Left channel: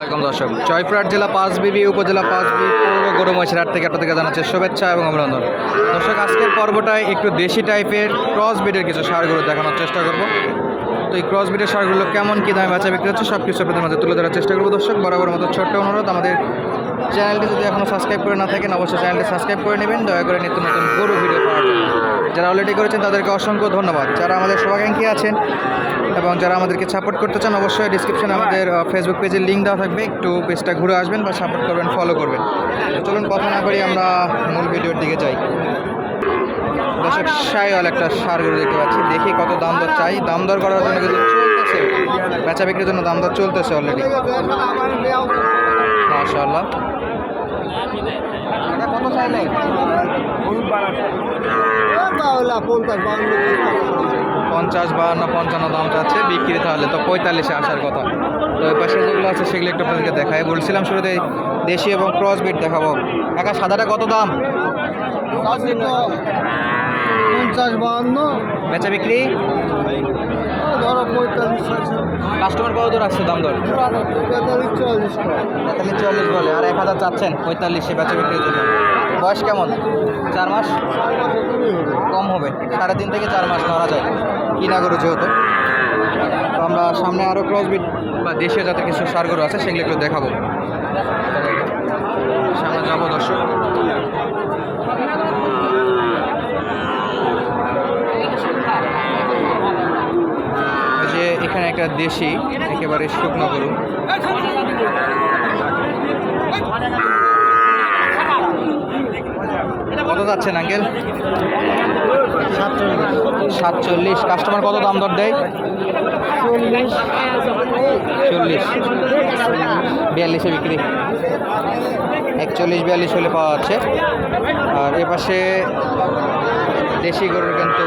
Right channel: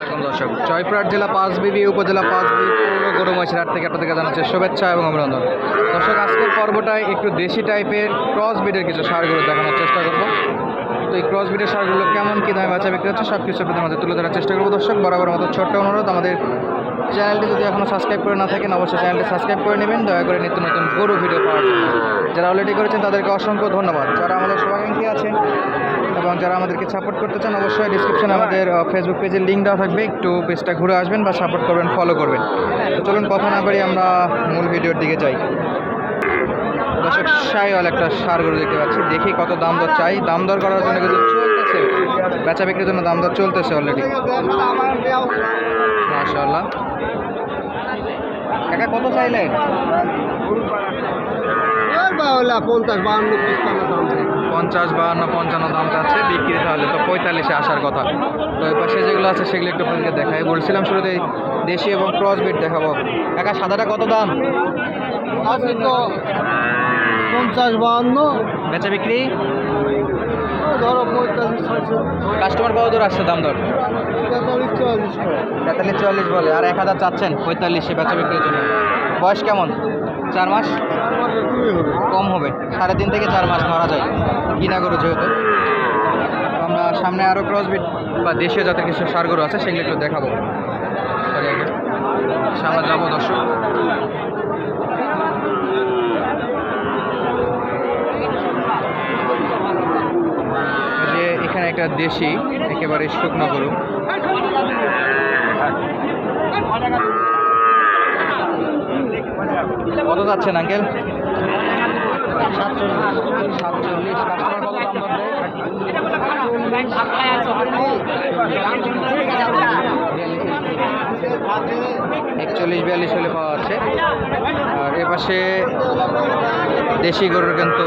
দর্শক, জয়পুরহাট জেলা পাঁচবিবি উপজেলা পাঁচবি পৌর মাছের হাট থেকে আপনাদেরকে জানাচ্ছে শুভেচ্ছা এবং অভিনন্দন। দর্শক, আজকের পর্বটায় একটু দেশি টাইপের ক্রস বিডের কিছু সারগুলো দেখানোর চেষ্টা করব। তো এই ক্রস বিডের সারগুলো কেমন, কী দামে বাঁচা বিক্রি হচ্ছে সব কিছু আপনাদের মাঝে তুলে ধরার চেষ্টা করব। দর্শক, বরাবর মতো ছোট্ট অনুরোধ, আমাদের চ্যানেলটি যদি এখনও সাবস্ক্রাইব করে না থাকেন, অবশ্যই চ্যানেলটি সাবস্ক্রাইব করে নেবেন। দয়া করে নিত্য নতুন গরু ভিডিও পাওয়ার জন্য। যারা অলরেডি করেছেন, তাদেরকে অসংখ্য ধন্যবাদ। যারা আমাদের শুভাকাঙ্ক্ষী আছেন এবং যারা আমাদেরকে সাপোর্ট করতে চান, অবশ্যই ডিসক্রিপশনে আমাদের ফেসবুক পেজের লিঙ্ক দেওয়া থাকবে। একটু পেজটা ঘুরে আসবেন বা সাপোর্ট করবেন ফলো করবেন। তো চলুন, কথা না বাড়ি আমরা মূল ভিডিওর দিকে যাই। দর্শক সাইওয়াল একটা সার গরু দেখতে পাচ্ছি। দেখি কত দাম দর চাই। দাম দর করার জন্য কিন্তু চলতেছে। বেচা বিক্রির জন্য দাম দর চলতেছে অলরেডি মাশাআল্লাহ। কাকা কত চাইলেন? পঞ্চাশ বাহান্ন পঞ্চান্ন দাম চাচ্ছে বিক্রি তাহলে তো পঁয়তাল্লিশে আসার কথা। তো ওই পাশে যেগুলো আছে সেগুলো একটু আপনাদেরকে দেখাই। বলছিলাম শুরুতে দেশি এবং ক্রস বিট দেখাবো। একা সাদাটা কত দাম? পঞ্চাশ বাহান্ন বেচা বিক্রি? ধরো পঁয়তাল্লিশ কাস্টমার কত দূর আসছে দাম দর? তেতাল্লিশ চল্লিশ বলে আর এক হাজার চাচ্ছেন পঁয়তাল্লিশে বেচা বিক্রির জন্য। বয়স কেমন? চার মাস? কম হবে সাড়ে তিন থেকে চার মাস ধরা যায়। কিনা গরু যেহেতু? তো আমরা সামনে আরও ক্রসবিট বা দেশীয় জাতের কিছু সার গরু আছে সেগুলো একটু দেখাবো। সামনে যাব দর্শক ওই যে একটা দেশি, একেবারে শুকনো গরু কত যাচ্ছেন, আঙ্কেল? সাতচল্লিশ। কাস্টমার কত দাম দর দেয়? চল্লিশ। বিয়াল্লিশে বিক্রি। একচল্লিশ, বিয়াল্লিশ হলে পাওয়া যাচ্ছে। আর এ পাশে দেশি গরুর কিন্তু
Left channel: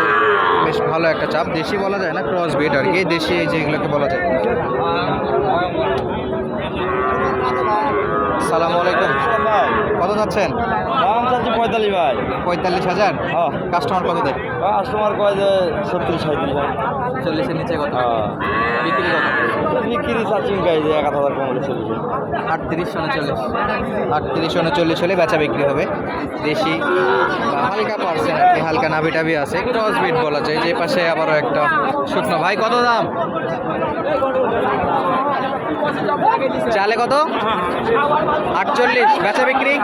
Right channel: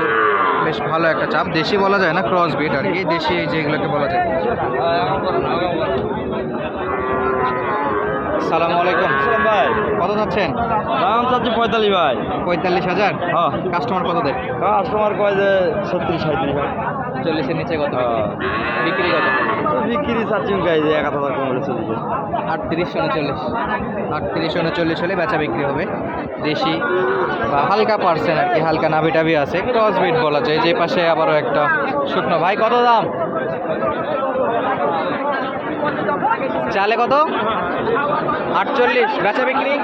বেশ ভালো একটা চাপ। দেশি বলা যায় না ক্রস বিট আর কি। দেশি এই যেগুলোকে বলা যায়। সালামু আলাইকুম। কত যাচ্ছেন? দাম চাচ্ছি পঁয়তাল্লিশ ভাই। পঁয়তাল্লিশ হাজার? হ্যাঁ। কাস্টমার কত দেয়? কাস্টমার কয় যে সত্তর সাঁত্রিশ চল্লিশের নিচে কত? হ্যাঁ। বিক্রি কত? বিক্রি চাচ্ছি গাই যে এক হাজার কম হলে। চলবে আটত্রিশ উনচল্লিশ। আটত্রিশ উনচল্লিশ হলে বেচা বিক্রি হবে। দেশি বা হালকা পার্সেন্ট আর কি হালকা নাভি টাভি আছে। ক্রস বিট বলা যায়। যে পাশে আবারও একটা শুকনো। ভাই কত দাম? চালে কত? আটচল্লিশ। বেচা বিক্রি?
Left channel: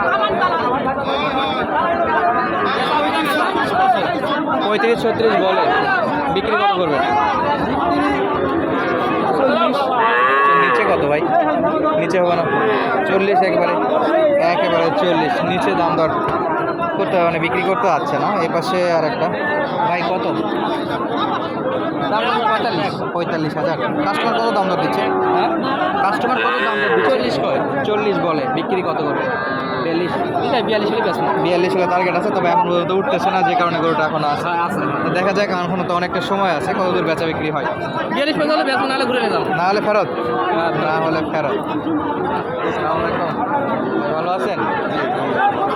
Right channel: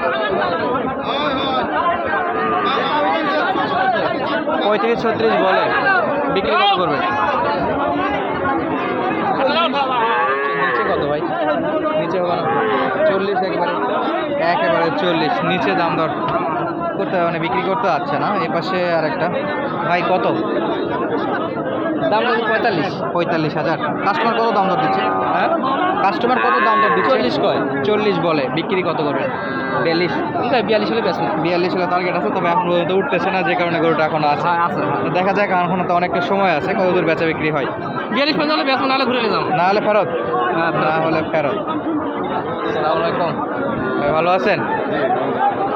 পঁয়ত্রিশ, ছত্রিশ বলে। বিক্রি কত করবেন? নিচে কত ভাই? নিচে হবে না। চল্লিশ একবারে। একেবারে চল্লিশ। নিচে দাম দর। করতে হবে মানে বিক্রি করতে যাচ্ছে না। এই পাশে আর একটা ভাই কত? পঁয়তাল্লিশ পঁয়তাল্লিশ হাজার। কাস্টমার কত দাম দর দিচ্ছে? কাস্টমার কত দাম দর দিচ্ছে? চল্লিশ কয় চল্লিশ বলে। বিক্রি কত করবে? বিয়াল্লিশ। বিয়াল্লিশ হলে বেশ বিয়াল্লিশ হলে টার্গেট আছে তবে এখন পর্যন্ত উঠতেছে না যে কারণে গরুটা এখন আছে। তো দেখা যাক এখনও তো অনেকটা সময় আছে কত দূর বেচা বিক্রি হয়। বিয়াল্লিশ পর্যন্ত বেতন নাহলে ঘুরে নিলাম না হলে ফেরত। না হলে ফেরত। আসসালামু আলাইকুম। ভালো আছেন?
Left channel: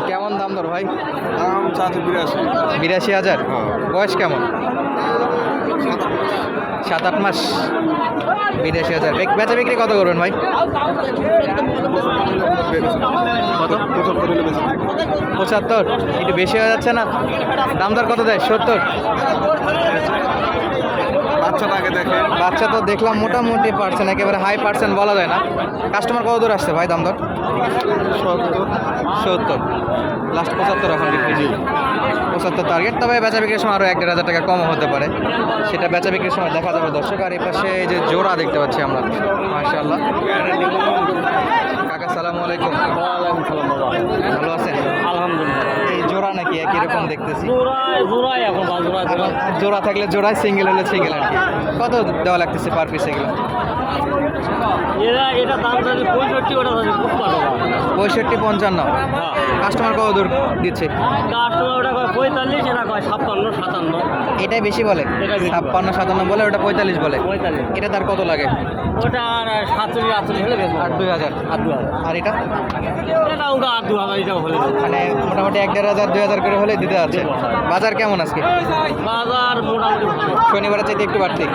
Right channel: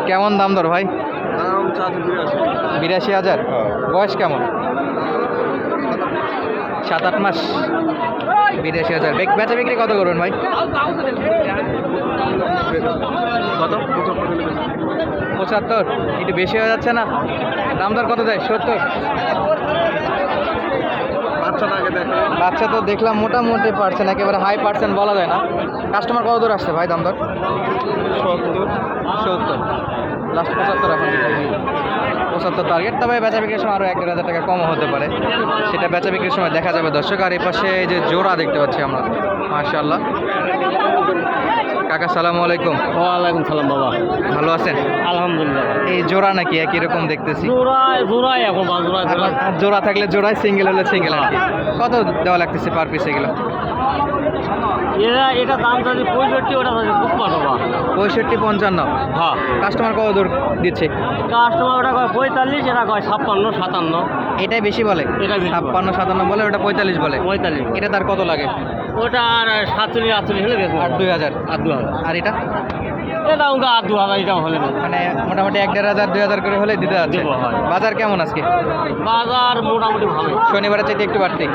কেমন দাম দর ভাই? বিরাশি। হাজার? বয়স কেমন? সাত আট মাস। বিরাশি হাজার। বেচা বিক্রি কত করবেন ভাই? কত? পঁচাত্তর। একটু বেশি হয়ে যাচ্ছে না? দাম দর কত দেয়? সত্তর? দেখে বাচ্চা তো দেখলাম মোটামুটি পার্সেন্ট একেবারে হাই পার্সেন্ট বলা যায় না। কাস্টমার কত দূর আসছে ভাই দাম দর? সত্তর। সত্তর। লাস্ট পঁচাত্তর এখন পঁচাত্তর টার্গেট তবে বেচা বিক্রির সময় আরও এক দেড় হাজার টাকা কম হতে পারে। সেটা বেচা বিক্রির সময় দেখা যাবে দর্শক। আর এই পাশে এই যে জোড়া দেখতে পাচ্ছি আমরা মার্শাল্লাহ কাকা সালামু আলাইকুম। ওয়ালাইকুম সালাম বাবা। ভালো আছেন? আলহামদুলিল্লাহ। এই জোড়া নাকি একই রকম দেখতেছি? জোড়ায় এখন জোড়া থাকলে জোড়ায় সিঙ্গেল হলে সিঙ্গেল আর কি। কত দেওয়া লাগতেছে পার পিস এগুলো? পঁয়ষট্টি পঞ্চান্ন। হ্যাঁ। কাস্টমার কত দূর দিচ্ছে? পঁয়তাল্লিশ কয় ছাপ্পান্ন সাতান্ন। এটাই বেশি বলে? ছাপ্পান্ন সাতান্ন বলে ওটা পঁয়তাল্লিশ বলে। এটা তার কত লাগে? ওটা আর সাতচল্লিশ আটচল্লিশ হলে হাজার। আর দু হাজার। আর এটা? এটা ওটা আর দু হাজার এটা হলে মানে মোটামুটি এক দেড় হাজার দুই হাজার করে হলে দিতে যাচ্ছে। বাজার কেমন আজকে? বাজার মোটামুটি শনিবারের চাইতে একটু বাড়তি।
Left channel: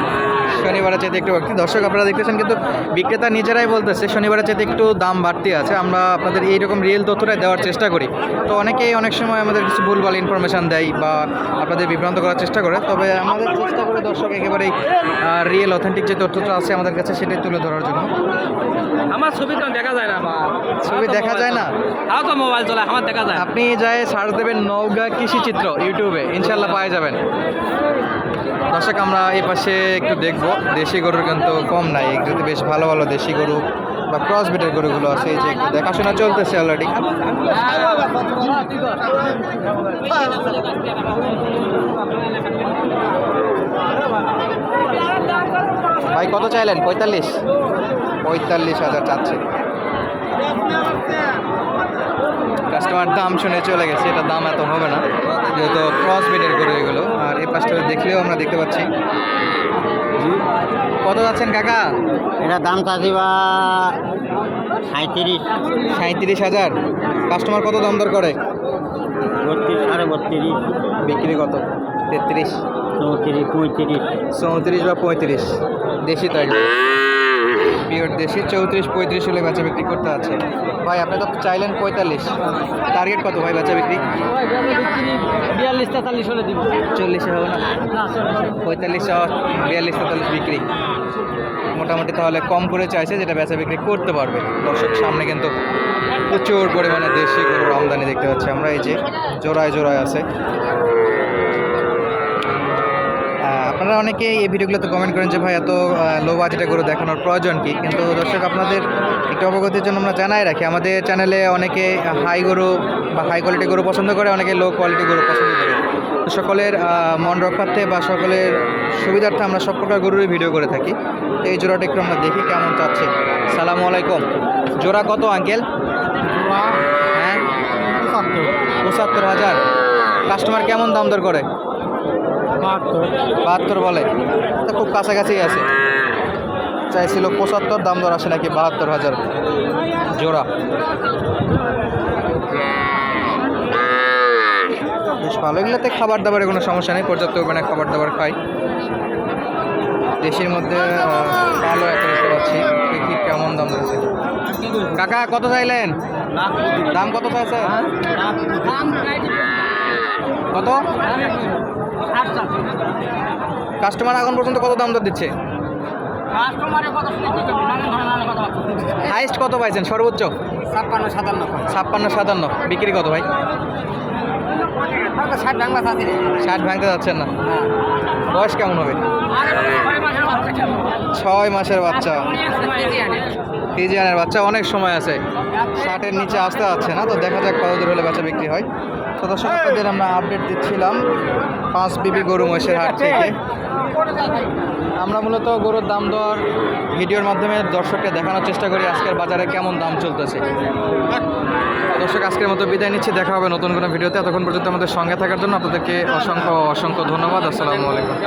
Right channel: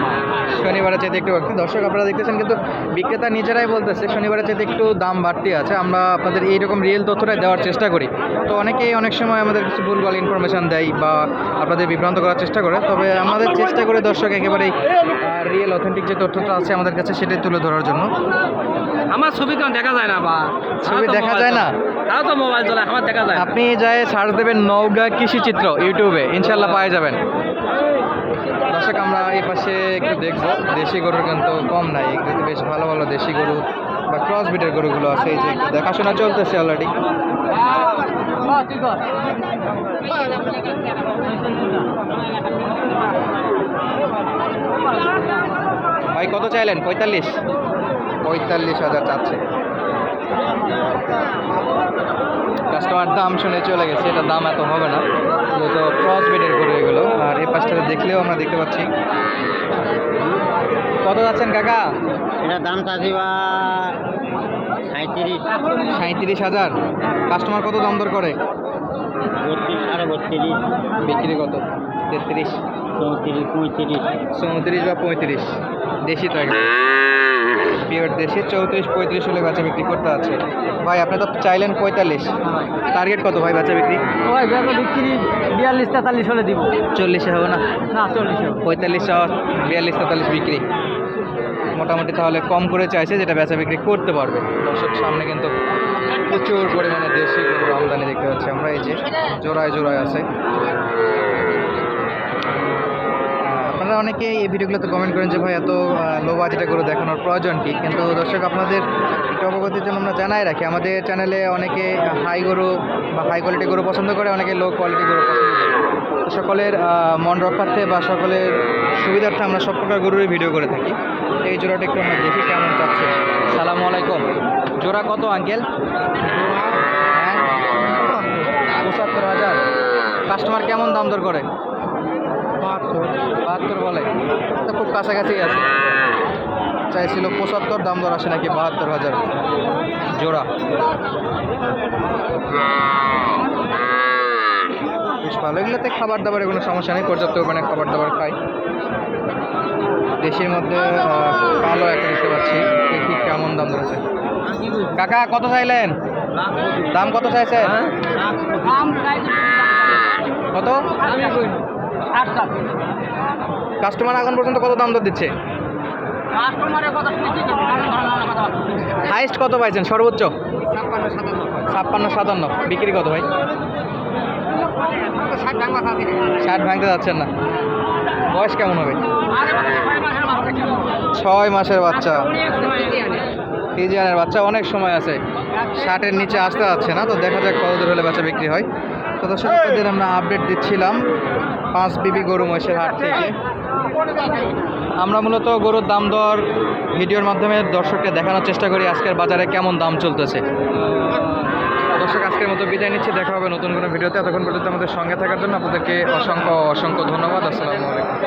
শনিবারের চাইতে একটু বাড়তি। দর্শক আপনারা দেখতেছেন কিন্তু বিক্রেতা নিজেরাই বলতেছে শনিবারের চাইতে একটু দাম বাড়তি আছে। আমরা আপনাদের এইরকম রিয়েল তথ্যটাই দেওয়ার চেষ্টা করি। তো অনেকেই অনেক সময় আমাদের কিছু ভুলভাল ইনফরমেশান দেয় বা আপনাদের বিভ্রান্ত করার চেষ্টা করে। তবে আমাদের চেষ্টা করি দর্শক একেবারেই রিয়েল অথেন্টিক যে তথ্যটা আছে আমাদের কাছে সেটাই তুলে ধরার জন্য। আমার ছবি দেখা যায় না ছবি দেখা যায় না? তাও তো মোবাইল চলে আমার দেখা যায় আপনি যায় সার্চ দেবেন নওগাঁ কৃষি চিত্র ইউটিউবে ইনশাল্লাহ পাওয়া যাবেন। দর্শক, আমরা এই পাশে একটু দেখব। দেশি গরুর কিন্তু কম নাই, একটু বেশ ভালো ভালো দেশি গরু বা ক্রস বিটের গরুগুলো আছে, এই যে একটু দেখাশোনা চলতেছে অলরেডি ভাই, কত চাইলেন? পঁয়তাল্লিশ? পঁয়তাল্লিশ হাজার চাচ্ছে। কাস্টমার দাম শুনে চলে গেছে, এটা দাম এত হবে না। যেহেতু ক্রস বিটের গরু এগুলো আর এই পাশটা দেখলেও আমরা দেখতে পাচ্ছি। কত যাচ্ছেন কাকা? এটা দাম চাচ্ছি বা সাঁত্রিশ সাঁত্রিশ হাজার। কাস্টমার কত দাম দর করে? বত্রিশ সাড়ে বত্রিশ। বিক্রি কত? তেত্রিশ। চৌত্রিশ পঁয়ত্রিশ। চৌত্রিশ বা পঁয়ত্রিশ। দেশি তো একদম। পিওর দেশি চৌত্রিশ পঁয়ত্রিশ হলে বেচা বিক্রি করতে আছে। ভাই আপনি তো চাইলেন পঁয়তাল্লিশ। টার্গেট কত ভাই বেচা বিক্রি? বিয়াল্লিশ তেতাল্লিশ হলে দিব। চল্লিশে হবে না? পঁয়তাল্লিশ বিয়াল্লিশ তেতাল্লিশ বিক্রি। মোটামুটি তাহলে কম করে চাইছে যেটা বেচা বিক্রি করতে পারবে। দর্শক সামনে কিন্তু প্রচুর পরিমাণে দেশি গরুর আমদানি দেখতে পাচ্ছি আমরা। এই যে জোড়ায় জোড়ায় আছে। আপনারা অনেকেই এই ভিডিওগুলোতে কমেন্ট করেন যে ভাই এত লো বাজেটে গরু দেখানোর প্রয়োজন কি? কিন্তু দর্শক, আপনাদের একটু অবগতির জন্য আমরা জানাই রাখি, আমাদের চ্যানেলে অনেকে হাই গরু বা হাই কোয়ালিটি গরু পছন্দ করে, অনেকে লো কোয়ালিটি গরু পছন্দ করে। তো সকলের মন রক্ষার্থে বা সকলের সুবিধার্থে আমরা সব প্রকার গরুরই ভিডিও করে থাকি। এই জোড়াটা একটু আমরা দেখি কেমন চাচ্ছে। সালামু আলাইকুম। জোড়া কত আঙ্কেল হ্যাঁ? পঁচাত্তর হাজার। কাস্টমার কেমন দাম দর করে? বাহাত্তর বলে। তো খুব কাছাকাছি আছে। চাইছিল পঁচাত্তর দাম দর আসে নাকি বাহাত্তর হাজার। জোড়া। বেশ ভালো। এগুলোতে খাবার দাবারের কোনো সমস্যা নেই। পর্যাপ্ত পরিমাণে খাবার দাবার খাই। দেশের মধ্যে কালো একটা দেখতে পাচ্ছি। দেখি কেমন দাম দর আছে। কাকা কত চাইলেন? দাম কত চাইছে কত? কাস্টমার এখন পর্যন্ত কত দাম দর দিচ্ছে? কাস্টমারের কথা শুনে কি করবি? নানান ধরনের কথা হাইস্ট কত পাইছেন? সর্বোচ্চ? ছাপ্পান্ন সাতান্ন। ছাপ্পান্ন সাতান্ন। বিক্রি কত ভাই? ষাট ভাঙতে যাচ্ছেন না। বয়স কেমন হবে? ছয় মাসের বাচ্চা কেন ছয় মাসের বাচ্চা। ফিজিয়ানের বাচ্চা অনেক সময় আছে। ষাটের নিচে আসতে যাচ্ছে না তো দেখা যাক কত দূর হলে বাচ্চা বিক্রি হয়। তো দর্শক আপনাদের আমরা আপডেট দিচ্ছিলাম। পাঁচ বিবি গরু মহিষের হাট থেকে। আমরা মূলত গরুর দাম দর ভিডিওর মাধ্যমে দর্শককে দেখানোর চেষ্টা করি আজকের বাজারে কেমন দাম চলতেছে। দর্শক আজকের মতো বিদায় নিচ্ছি। দেখা হবে নতুন কোনো ভিডিওতে। এতক্ষণ পর্যন্ত আমাদের সঙ্গে থাকার জন্য আপনাদেরকে অসংখ্য অসংখ্য ধন্যবাদ। আসসালামু আলাইকুম।